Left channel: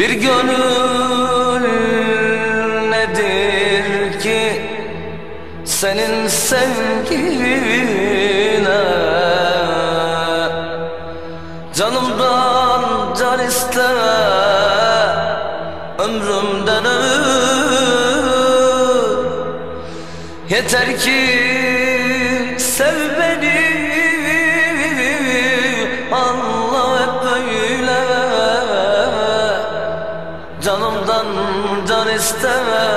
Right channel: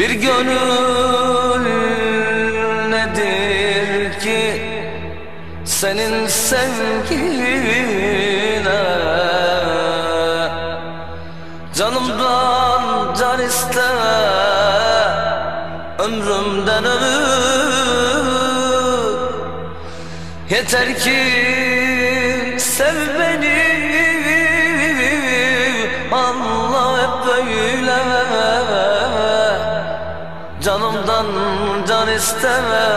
Bir gönül nedir ki senin sevgine? Canımdan can isteme ömrümden ömür. Yeter ki sev beni Allah hep böyle isteme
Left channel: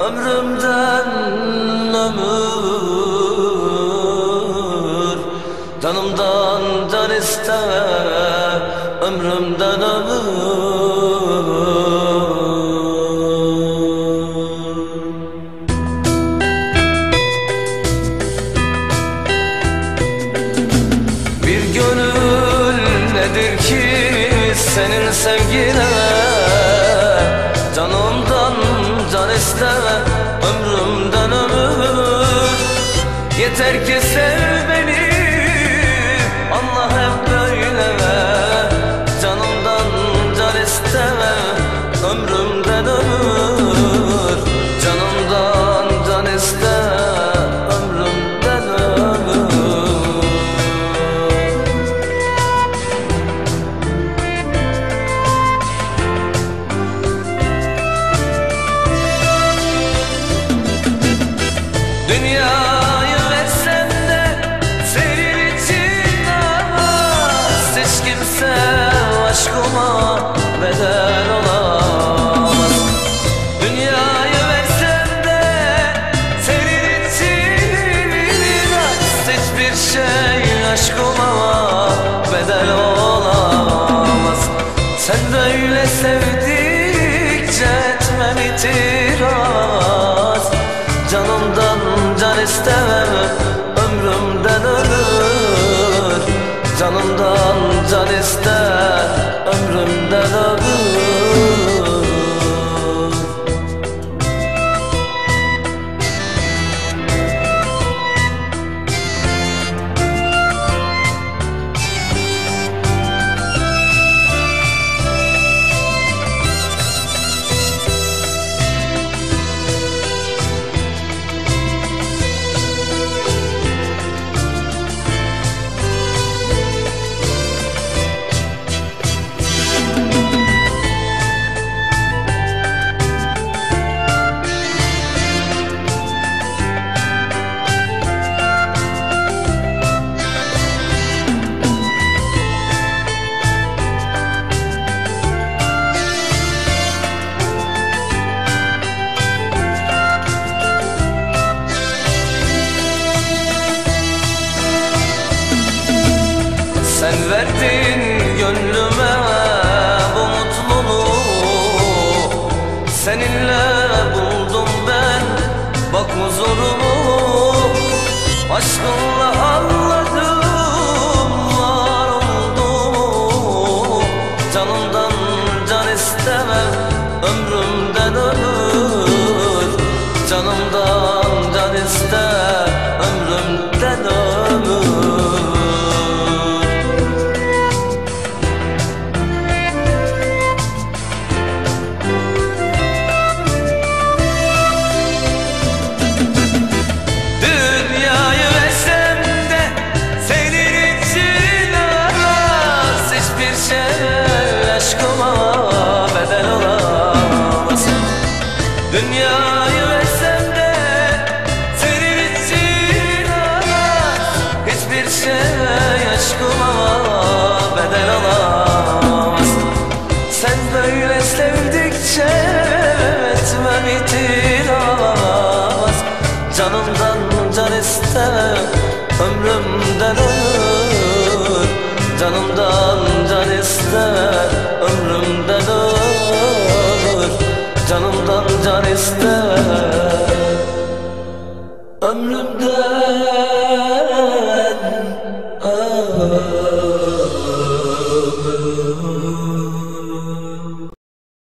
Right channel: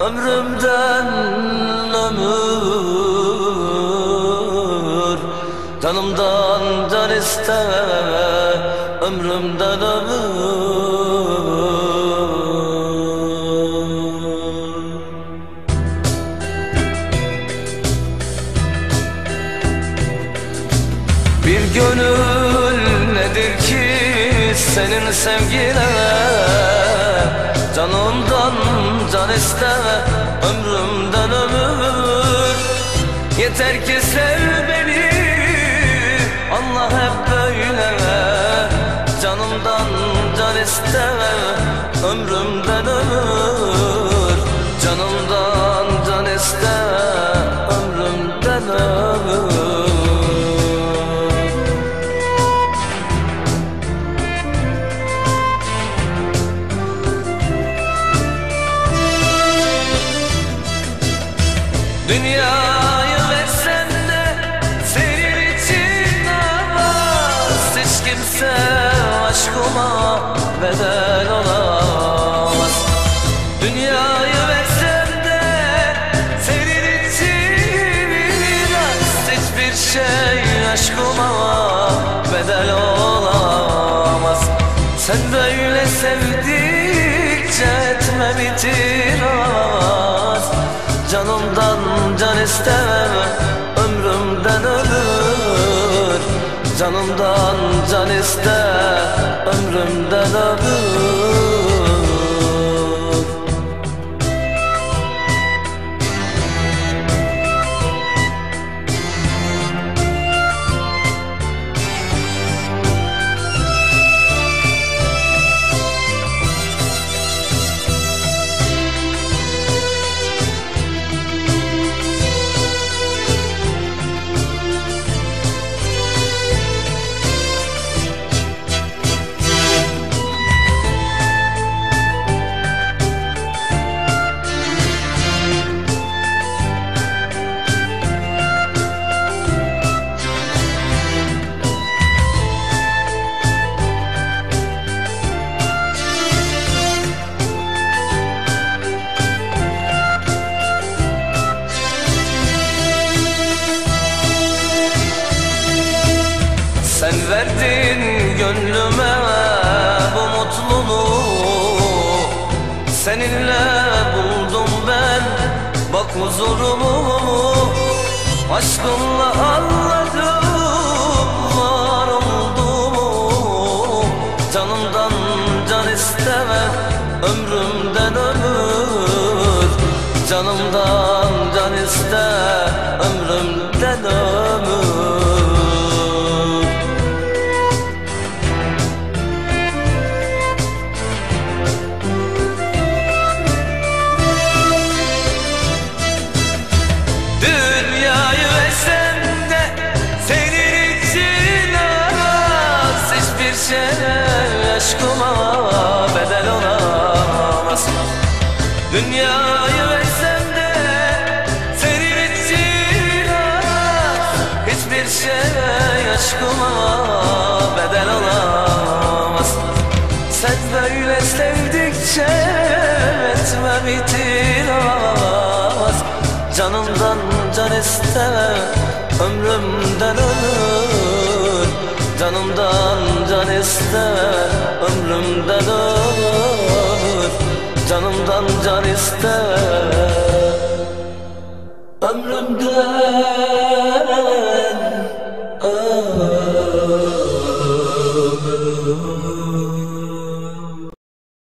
Ömrümden ömür. Canımdan can isteme Ömrümden ömür. Bir gönül nedir ki senin sevgine Canımdan can isteme ömrümden ömür. Yeter ki sev beni Allah hep böyle Canımdan can isteme ömrümden ömür Dünyayı versen de senin için namaz Hiç kimse aşkıma bedel olamaz. Dünyayı versem de senin için az Hiçbir şey aşkıma bedel olamaz. Sen böyle sevdikçe etmem itiraz Canımdan can istemem ömrümden ölür. Canımdan can iste ömrümden ölür Sen verdin gönlüme bu mutluluğu. Seninle buldum ben bak huzurumu. Aşkınla anladım var olduğumu. Canımdan can istemem ömrümden ömür. Canımdan can iste ömrümden ömür bedel olamaz. Dünyayı versem de senin için aras Hiçbir şey aşkıma bedel olamaz. Sen böyle sevdikçe etmem itiraz Canımdan can iste ömrümden ömür Canımdan can iste ömrümden ömür Canımdan can iste ömrümden